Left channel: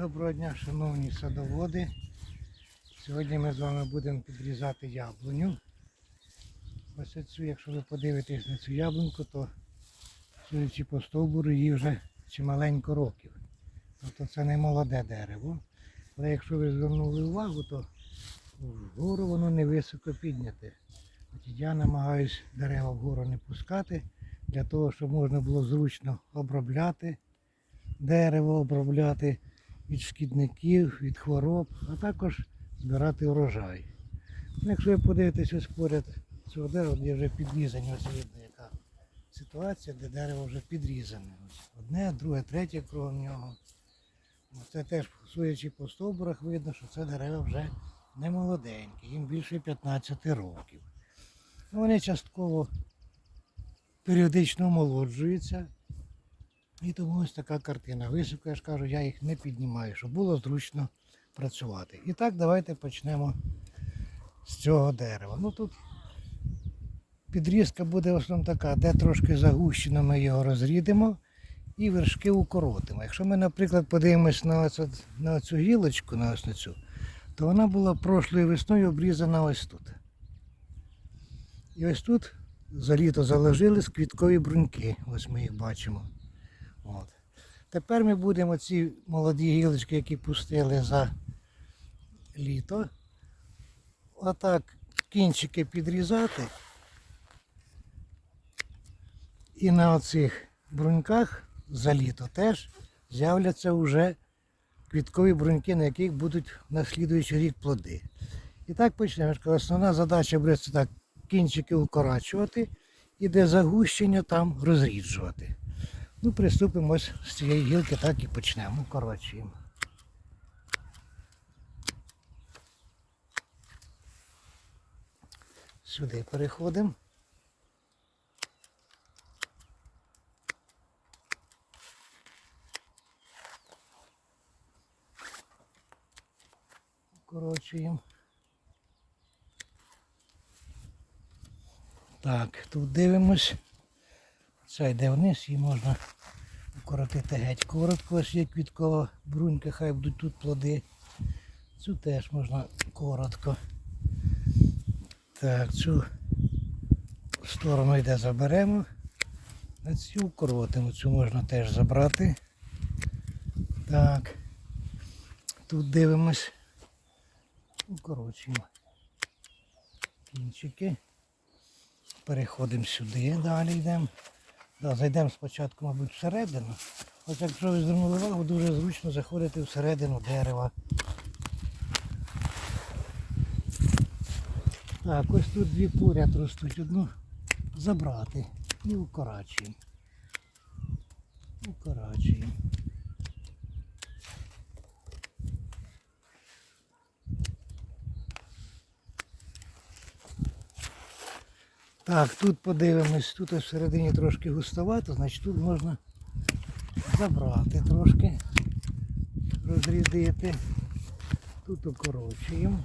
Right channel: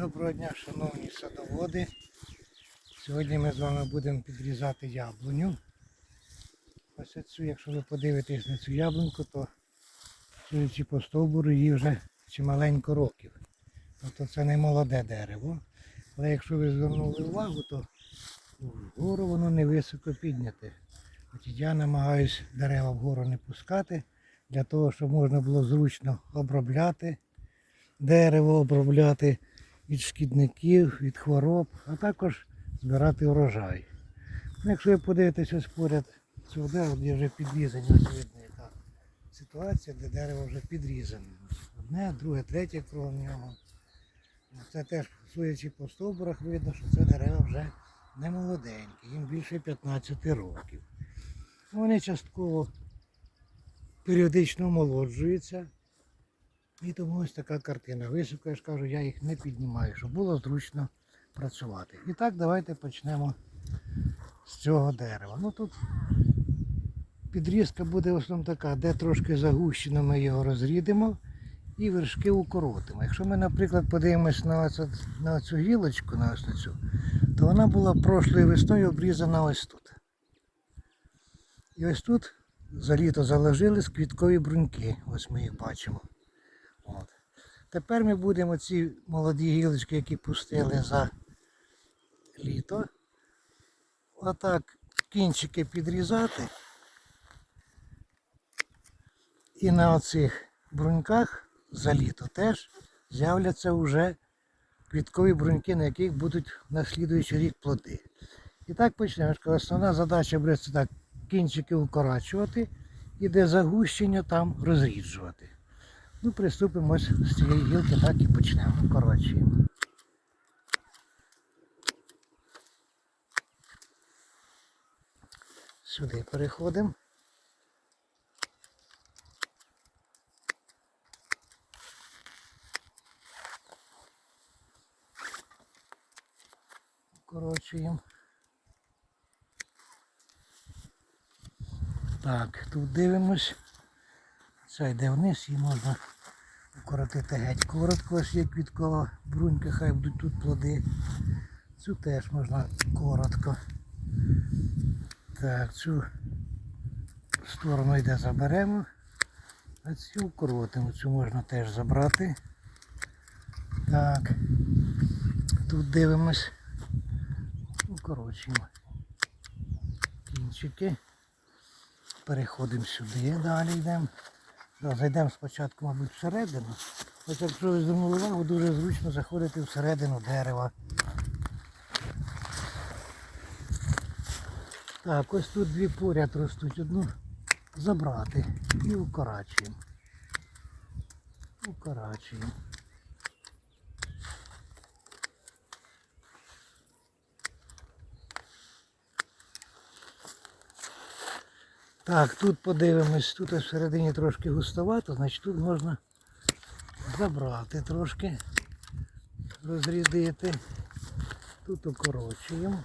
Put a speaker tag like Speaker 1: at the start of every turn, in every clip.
Speaker 1: Доброго дня, шановні садоводи. Сьогодні ми з вами будемо підрізати яблуню. Ось цю, якщо ви подивитесь на цю яблуньку, то судячи по стовбуру їй вже чималенько років. Тобто це не молоде дерево. Але якщо ви звернули увагу, то вгору воно не високо підняте. От я намагаюся дерева вгору не пускати, для того, щоб можна було зручно обробляти дерево, обробляти від шкідників, від хвороб, а також збирати урожай. Ну, Якщо ви подивитесь ось поряд цього дерева, де вже підрізані, ось видно яка ситуація, де дерево вже підрізане. Одне, друге, третє кругом нього. Ну, Це теж, судячи по стовбурах, видно, що це дерево вже не молоденьке, їм більше 15 років. Вони частково періодично омолоджуються. І тому ось така картина. Високо, я ж кажу, я їх не піднімаю, щоб було зручно працювати. І так, давайте почнемо з цього дерева. Ну тут підрізка буде в основному така, де трошки загущено, ми його розрідимо і вершки укоротимо. Якщо ми, наприклад, подивимось на на цю гілочку, на ось на цю, то вона була прошлою весною обрізана ось тут. І ось тут за літо заложились квіткові бруньки. Ось ми їх бачимо. От. Тепер ми будемо ці молоді гілочки, які пустили за літо, отак кінчики підрізати. І на оцих бруньках за літо теж з'являться вже квіткові бруньки, на яких будуть на слідуючий рік плоди. І так почнемо. Основна задача буде так кінчики укорачувати і де загущення там розріджувати. Ну, приступимо ось з цієї гілки, так і почнемо. Укорочуємо. Сюди переходимо. Укорочуємо. Так, тут дивимось. Це йде вниз, її можна укоротити геть коротко, ось є квіткова брунька, хай будуть тут плоди. Цю теж можна коротко. Так, цю сторону йде заберемо, а цю укоротимо. Цю можна теж забрати. Так, тут дивимось, укорочуємо кінчики. Переходимо сюди, далі йдемо. Да, зайдемо спочатку, мабуть, всередину. Ось якщо ви звернули увагу, дуже зручно заходити всередину дерева. Так, ось тут дві поряд ростуть. Одну забрати і укорачуємо. Укорачуємо. Так, тут подивимось, тут всередині трошки густовато, значить тут можна забрати трошки, розрядити. Тут укорочуємо.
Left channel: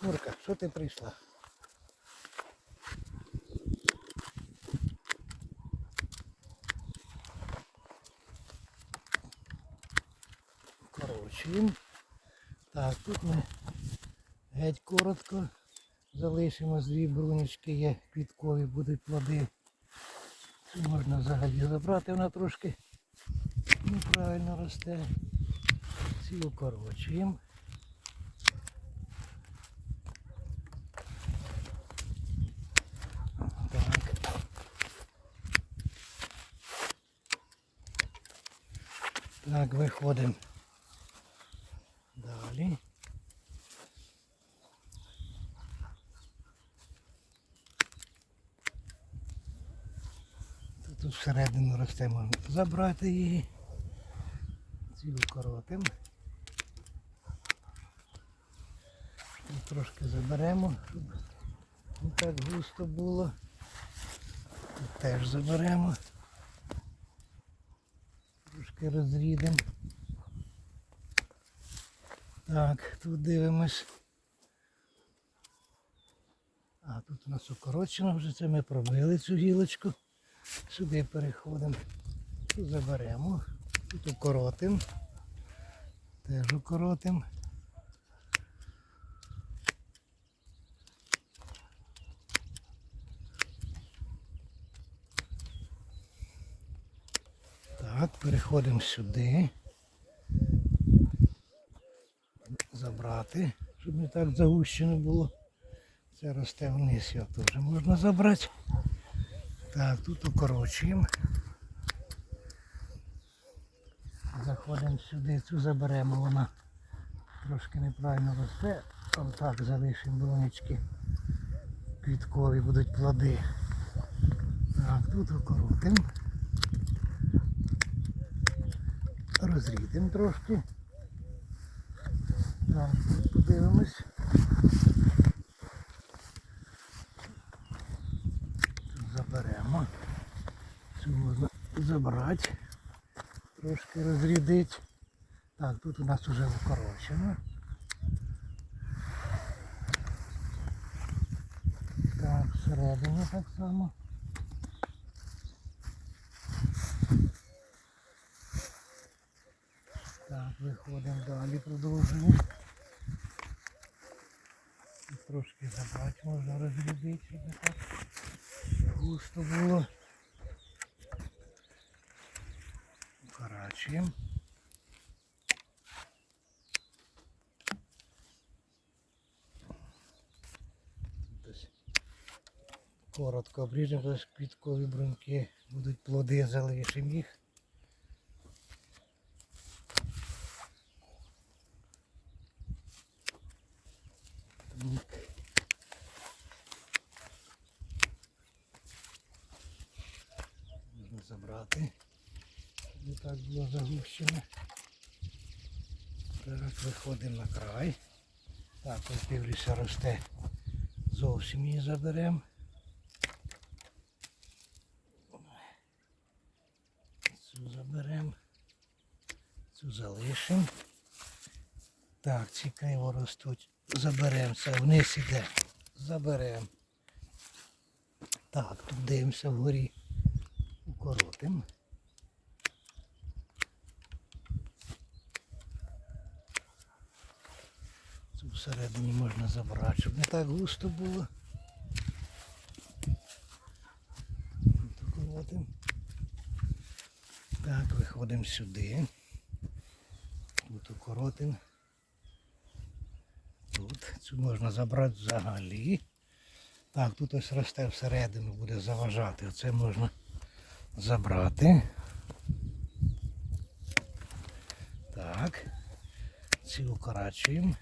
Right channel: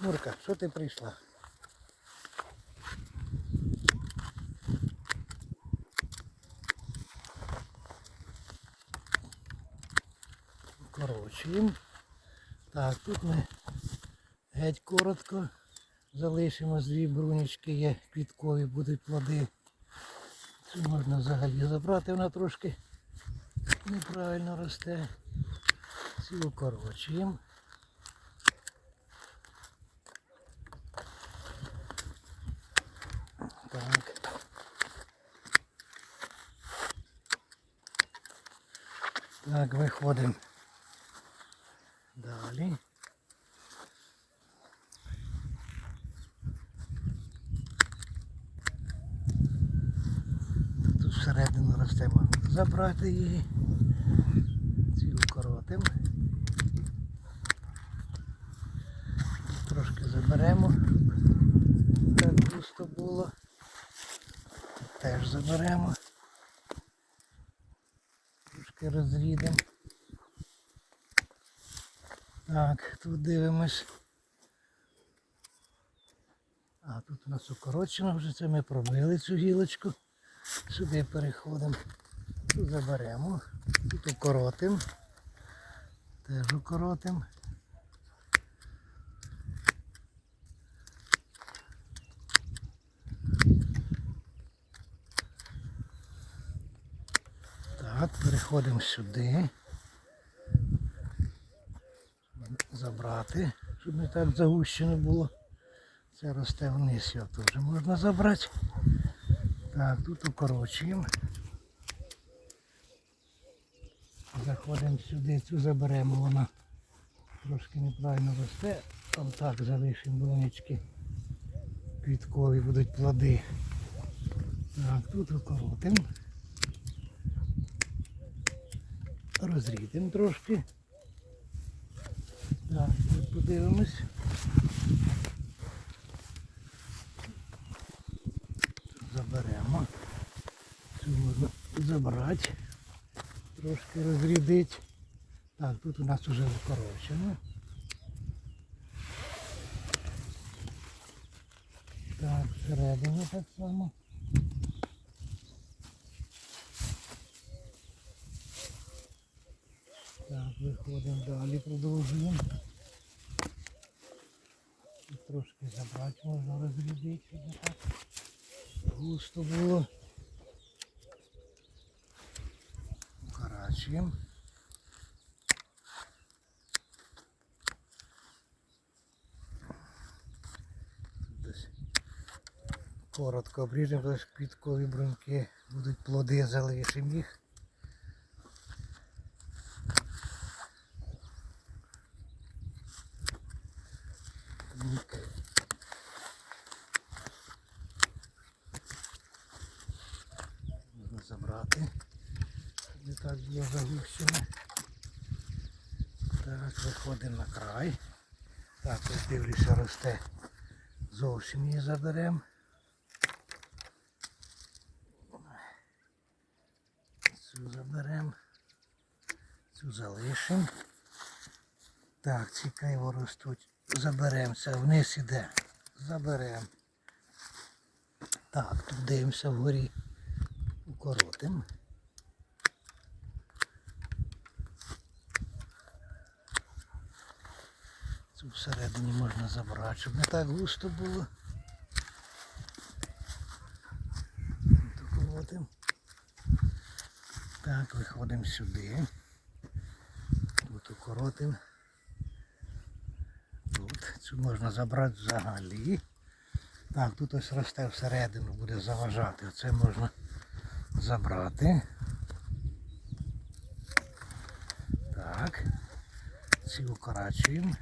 Speaker 1: Мурка, що ти прийшла? Укорочуємо. Так, тут ми геть коротко залишимо дві брунічки, є квіткові, будуть плоди. Цю можна взагалі забрати, вона трошки неправильно росте. Цю укорочуємо. Так, виходимо далі. Тут всередину росте можна забрати її. Цілу коротимо. Трошки заберемо. Так густо було. Теж заберемо. Трошки розрідемо. Так, тут дивимось. А тут у нас укорочено вже це ми пробили цю гілочку. Сюди переходимо. Тут заберемо. Тут укоротимо. Теж укоротимо. Так, переходимо сюди. Забрати, щоб не так загущено було. Це росте вниз, його теж можна забрати. Так, тут укорочуємо. Заходимо сюди, цю заберемо, вона трошки неправильно росте. Там так залишимо брунячки. Квіткові будуть плоди. Так, тут укоротимо. Розрідемо трошки. Так, тут подивимось. Тут заберемо. Цю можна забрати. Трошки розрядити. Так, тут у нас вже укорочено. Так, всередині так само. Так, виходимо далі, продовжуємо. Трошки забрати можна розрядити, щоб густо було. Десь Коротко обріжемо, що квіткові бруньки будуть плоди, залишимо їх. Так. Можна забрати, щоб не так було загущено. Виходимо на край. Так, ось дивлюся, росте. Зовсім її заберемо. Цю заберемо. Цю залишимо. Так, ці криво ростуть. Заберемо це, вниз іде. Заберемо. Так, тут дивимося вгорі. Укоротимо. Всередині можна забрати, щоб не так густо було. Так, виходимо сюди. Тут укоротимо. Тут цю можна забрати взагалі. Так, тут ось росте всередину, буде заважати. Оце можна забрати. Так. Ці укорачуємо.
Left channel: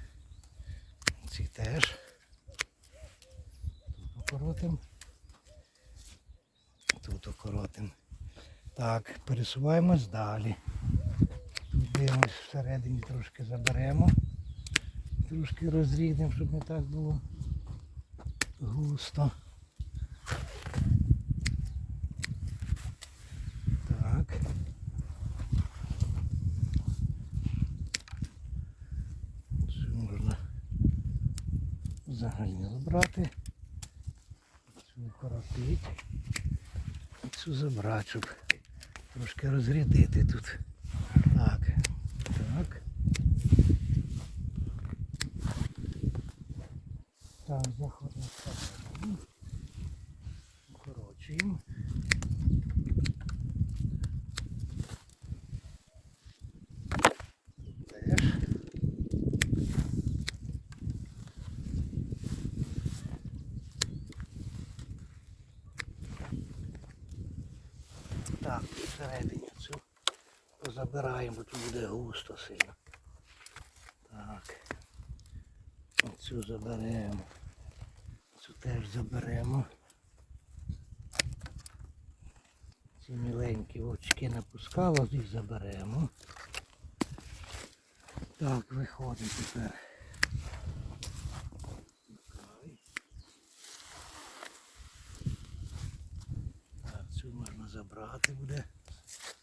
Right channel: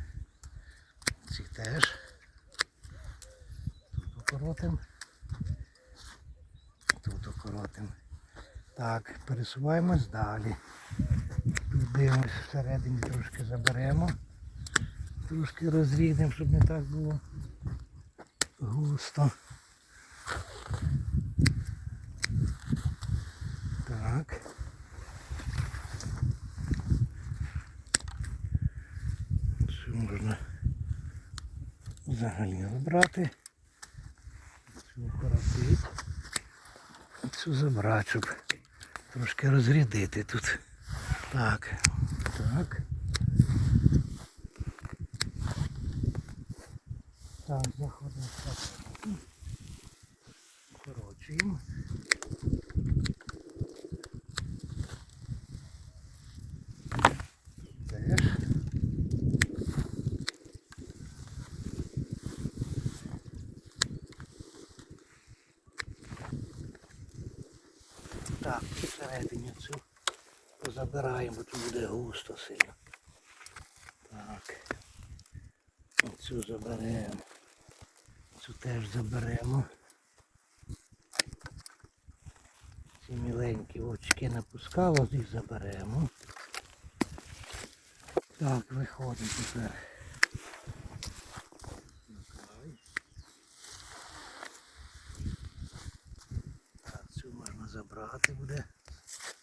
Speaker 1: Ці теж. Тут укоротимо. Тут укоротимо. Так, пересуваємось далі. Тут дивимось всередині трошки заберемо. Трошки розрідемо, щоб не так було густо. Так. Цю можна взагалі забрати. Цю укоротити. Цю забрати, щоб трошки розрядити тут. Так. Так, заходимо всередину. Укорочуємо. Теж. Так, всередині цю позабираємо, тут буде густо сильно. Так. Оцю заберемо. Цю теж заберемо. Ці миленькі очки напускало, їх заберемо. Так, виходимо тепер. Край. Так, цю можна забрати буде.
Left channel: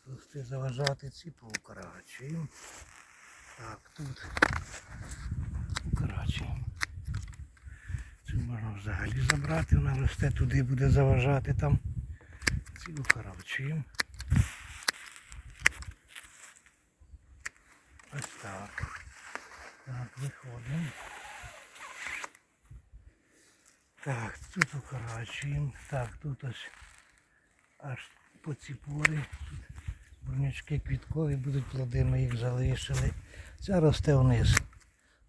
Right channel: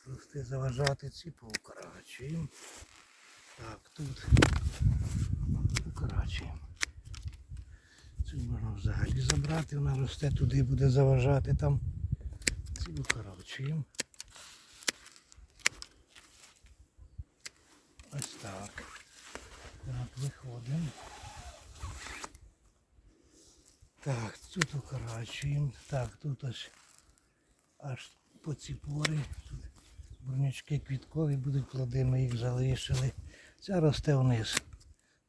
Speaker 1: Просто заважати ці поукорачуємо. Так, тут укорачуємо. Цю можна взагалі забрати, вона росте туди, буде заважати там. Цю укорочуємо. Ось так. Так, виходимо. Так, тут укорачуємо. Так, тут ось аж по ці. Тут бурнячки квіткові будуть плоди, ми їх залишили. Ця росте вниз.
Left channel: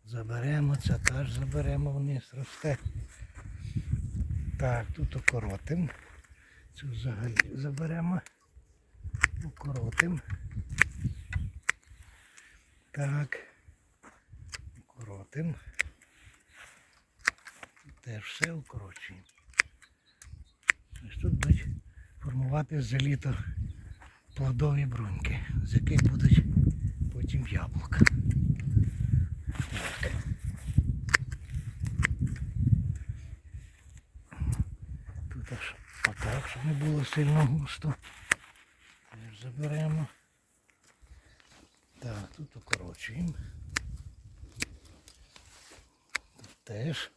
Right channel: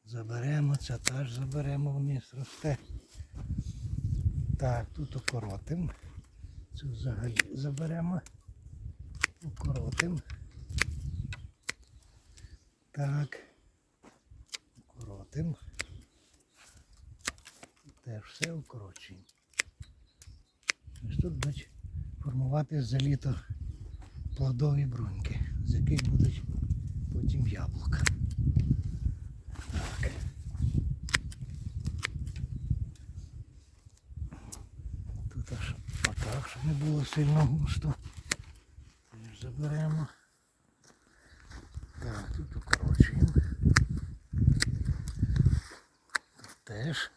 Speaker 1: Заберемо, ця теж заберемо вниз, росте. Так, тут укоротимо. Цю взагалі заберемо. Укоротимо. Так. Укоротимо. Теж все укорочуємо. Ось тут будуть формувати за літо плодові бруньки, з яких будуть потім яблука. Тут аж отак, щоб не було сильно густо. Заберемо. Так, тут укорочуємо. Тут теж.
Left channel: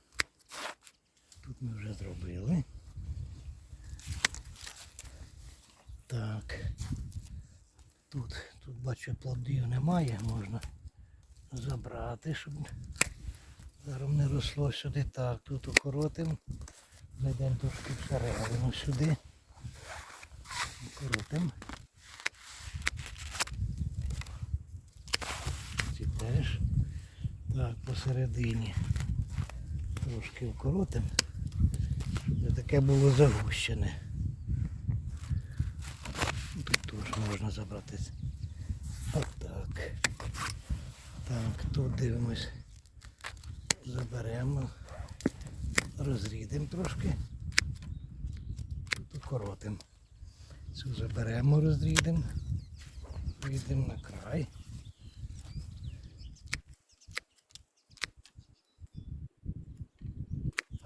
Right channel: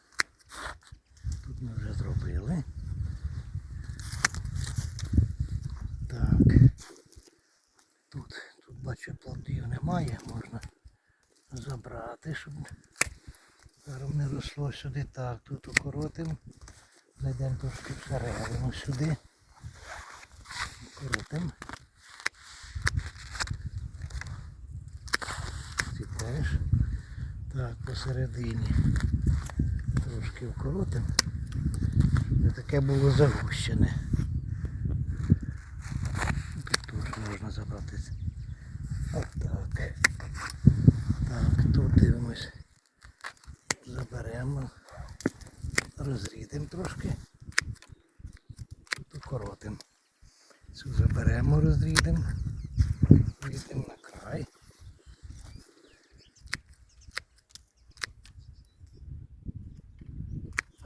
Speaker 1: Тут ми вже зробили. Так. Тут, тут бачу плодів немає, можна забрати, щоб зараз не росло сюди. Так, тут укоротимо. Зайдемо трошки всередину сюди. Укоротимо. Ці теж. Так, посередині. Трошки вкоротимо. Щоб не таке було загущене. Тут теж можна забрати. Так. Тут дивимось. Заберемо. Розрідемо трошки. Тут укоротимо. Цю заберемо, розрідемо. Йдемо на край.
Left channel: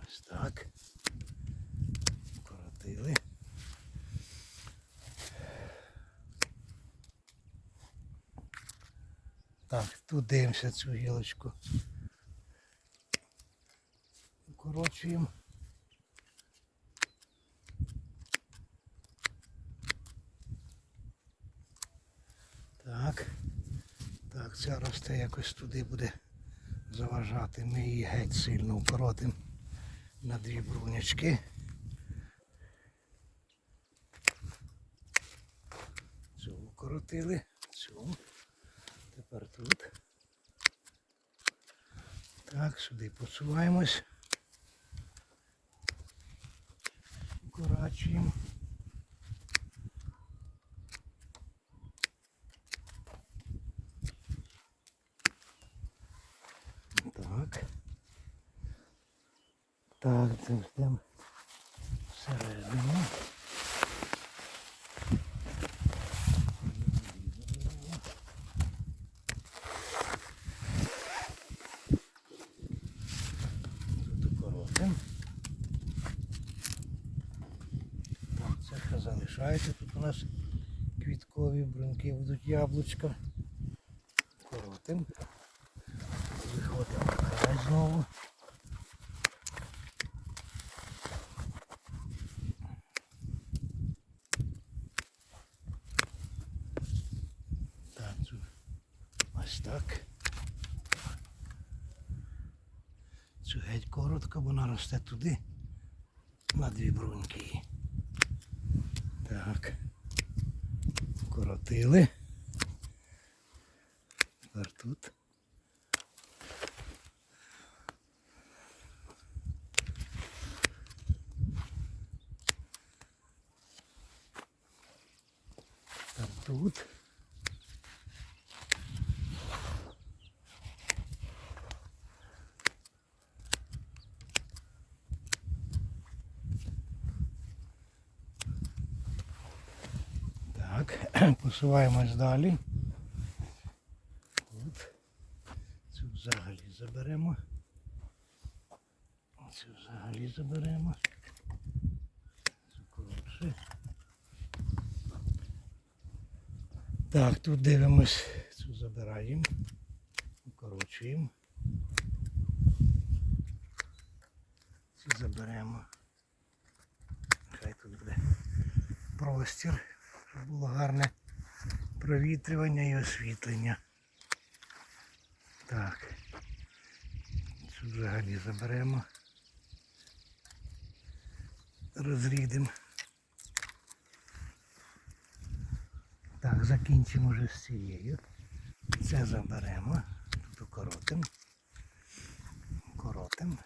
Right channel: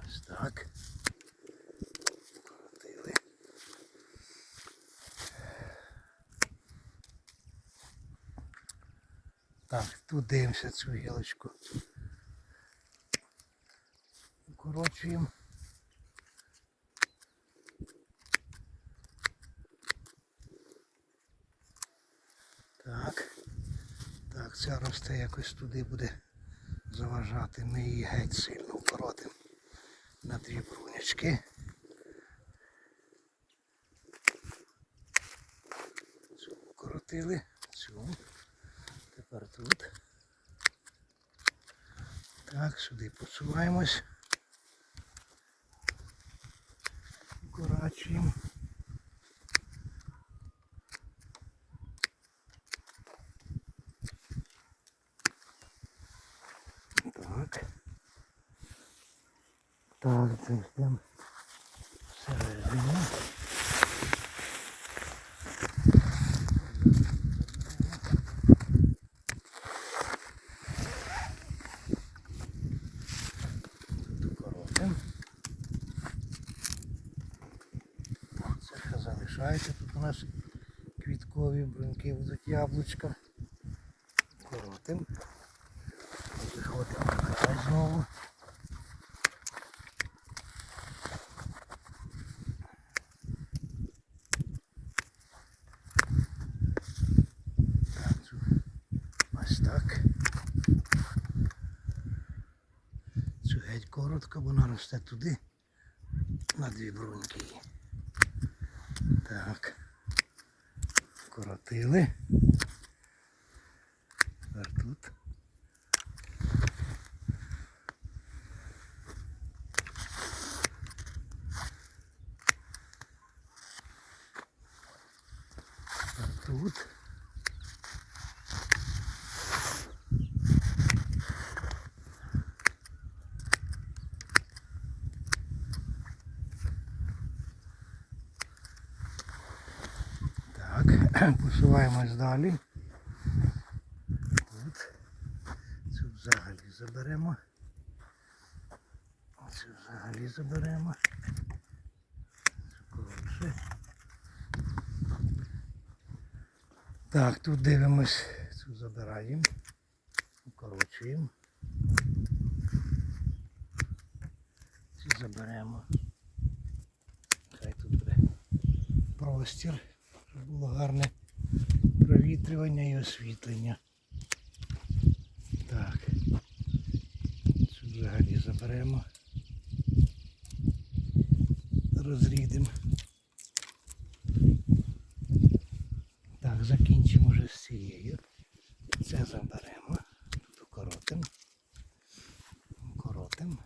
Speaker 1: Ось так. Коротили. Так, тут дивимося цю гілочку. Укорочуємо. Так. Так, ця росте якось туди буде заважати. Ми її геть сильно укоротимо на дві брунячки. Цю укоротили, цю. Тепер тут. Так, сюди посуваємось. Укорачуємо. Так. Так, це йдемо всередину. Тут укоротимо. Так, це ще нас квіткові бруньки будуть яблучка. Коротим. Виходимо знову. Так, цю ось так. Цю геть коротко, бо вона росте туди на дві бруньки. її. Так. Коротили. Тепер тут. Тепер тут. Так, посуваємось далі. Тут. Цю взагалі заберемо. Цю взагалі заберемо. Цю коротше. Так, тут дивимось, цю забираємо. Укорочуємо. Ці заберемо. Хай тут буде простір, щоб було гарне провітрювання і освітлення. Так. Цю взагалі заберемо. Розрідемо. Так, закінчимо вже з цією. Це заберемо. Тут укоротимо. Так.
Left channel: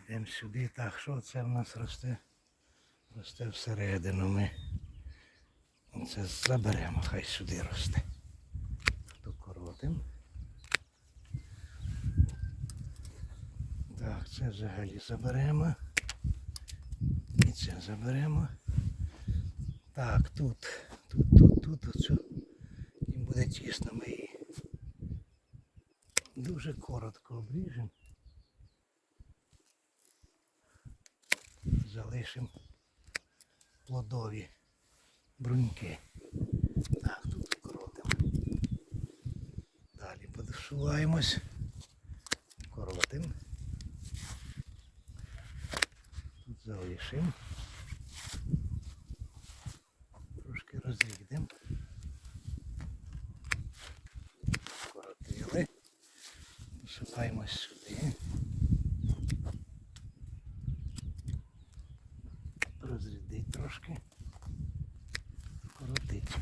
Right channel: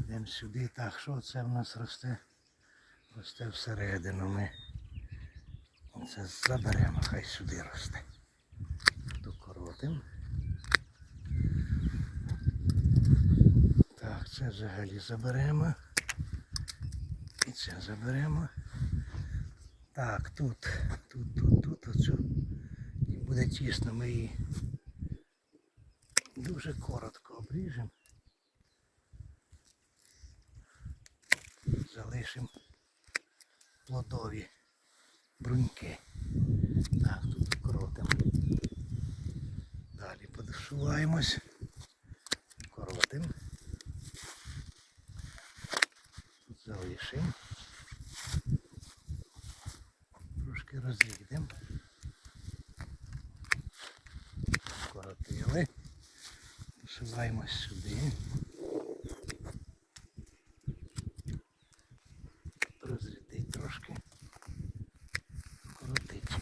Speaker 1: Йдемо сюди. Так, що це в нас росте? Росте всередину. Ми це заберемо, хай сюди росте. Докоротимо. Так, це взагалі заберемо. І це заберемо. Так, тут, тут, тут, тут, оцю. І буде тісно, ми її дуже коротко обріжемо. Залишимо плодові бруньки. Так, тут коротам. Далі подосуваємось. Коротимо. Тут залишимо. Трошки розрідемо. Коротили. Посуваємось сюди. Розрядить трошки. Коротить.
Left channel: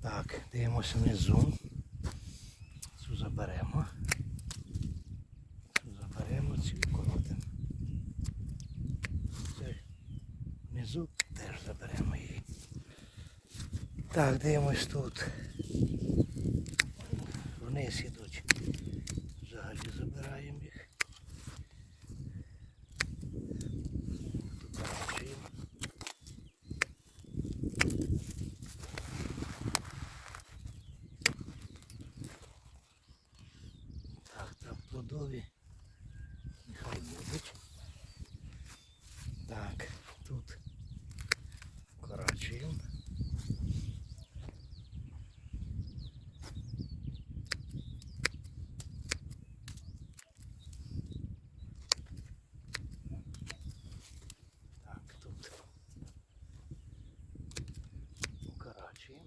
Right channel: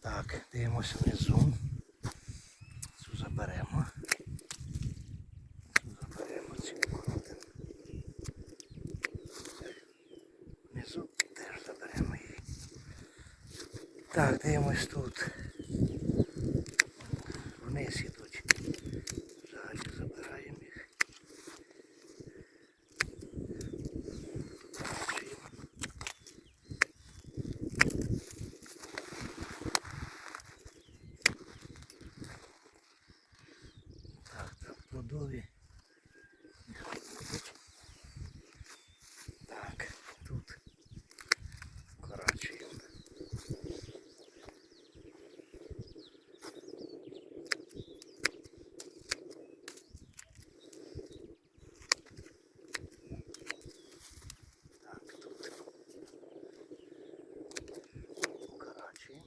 Speaker 1: Так, дивимося внизу. Цю заберемо. Цю заберемо, цю коротимо. Внизу теж заберемо їх. Так, дивимось тут. Вниз ідуть. Взагалі забираємо їх. Бачимо. Так, там плодові. Нехай будуть. Так, тут корочуємо. Так, тут укорачуємо.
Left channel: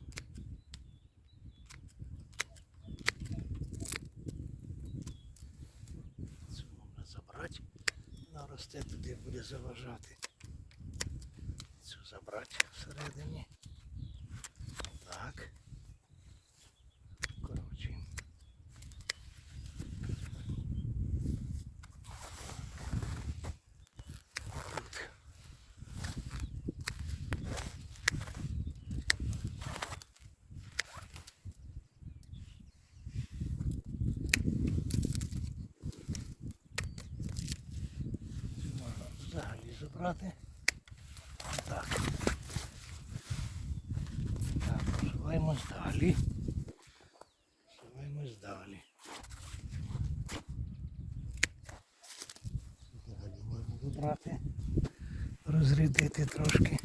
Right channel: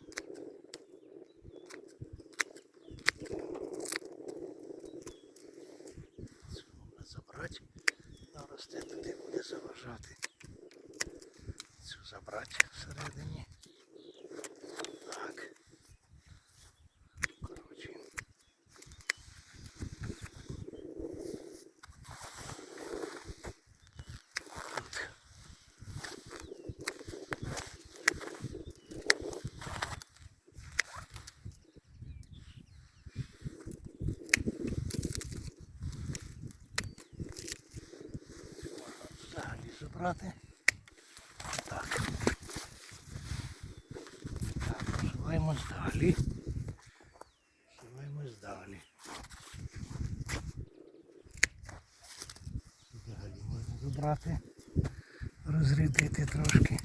Speaker 1: Цю можна забрати. Вона росте туди буде заважати. Цю забрати всередині. Так. Коротше. Тут. Можна забрати. Так. Так, посуваємось далі. Посуваємось далі. Взагалі можна забрати, розрядити трошки.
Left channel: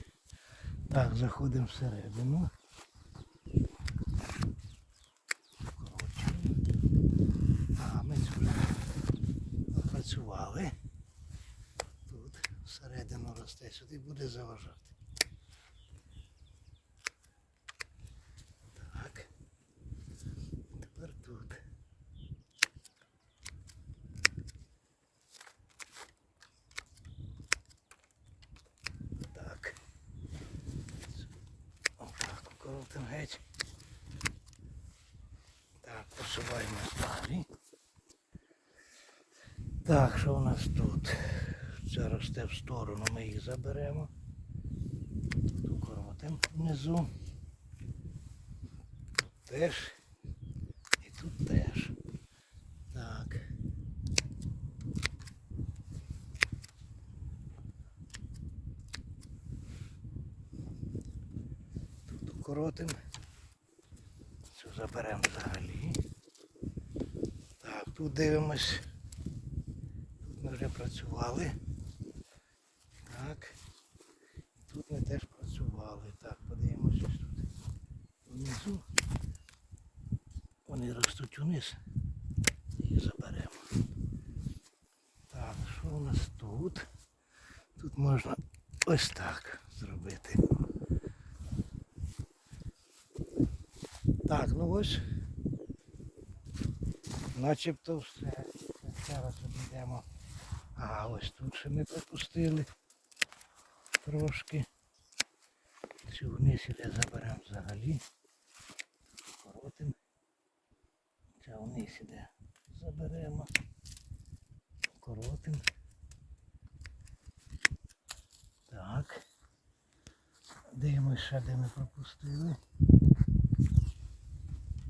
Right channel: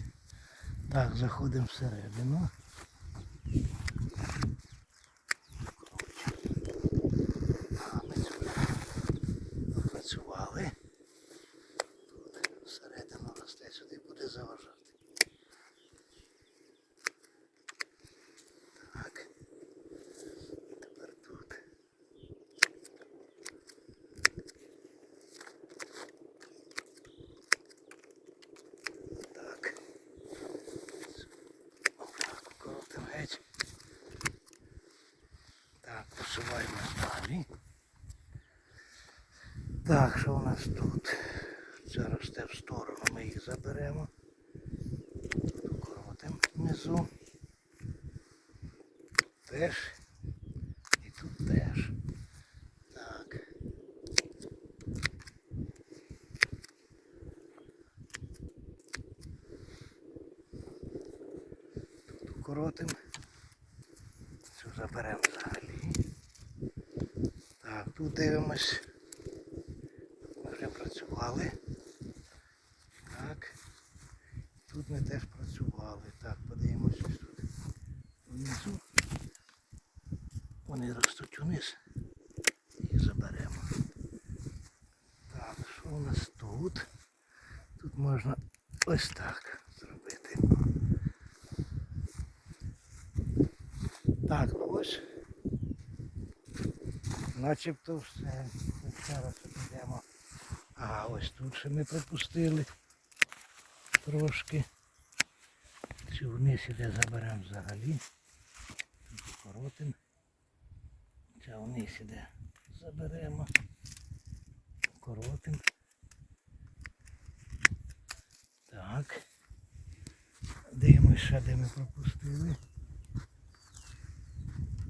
Speaker 1: Так, заходимо всередину. А, ми цю вже працювали. Тут всередину росте, сюди буде заважати. Так. Тепер тут. Так. Отак, коротимо геть. Так, посуваємо далі. Так, що у нас тут? Це росте в сторону, ми їх заберемо. Тут укоротимо внизу. Тут теж. І тут теж. Так. Тут укоротимо. Заберемо. заберемо взагалі. Так, тут дивимось. Ми вже працювали. Так. Тут ми теж працювали. Так, подивимось ось тут. Внизу. Вони ростуть униз. І заберемо. Так, що у нас тут? Тут можна ось так зробити. Так, ну ось. Начебто все. Зараз обійдемо. А ось тут ще ми пропустили трошки. Цю вниз іде заберемо взагалі. Тут укоротимо. Ця вниз іде заберемо. Укоротимо. Так. Дивимося, ще де ми пропустили.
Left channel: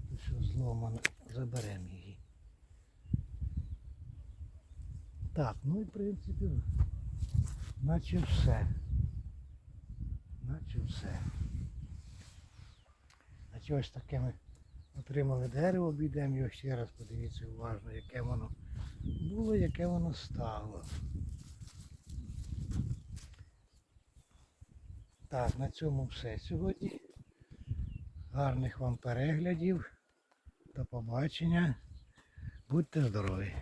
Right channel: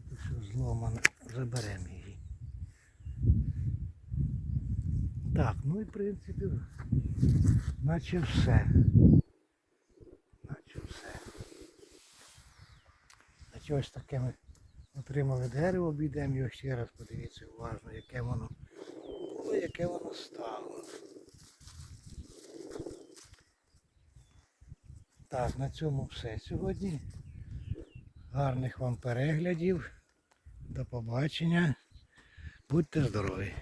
Speaker 1: Тут все зломано. Заберемо її. Так, ну і в принципі, наче все. Наче все. Наче ось таке ми отримали дерево, обійдемо його ще раз, подивіться уважно, яке воно було, яке воно стало. Так, на цьому все сьогодні. Гарних вам переглядів. До побачення. Будьте здорові!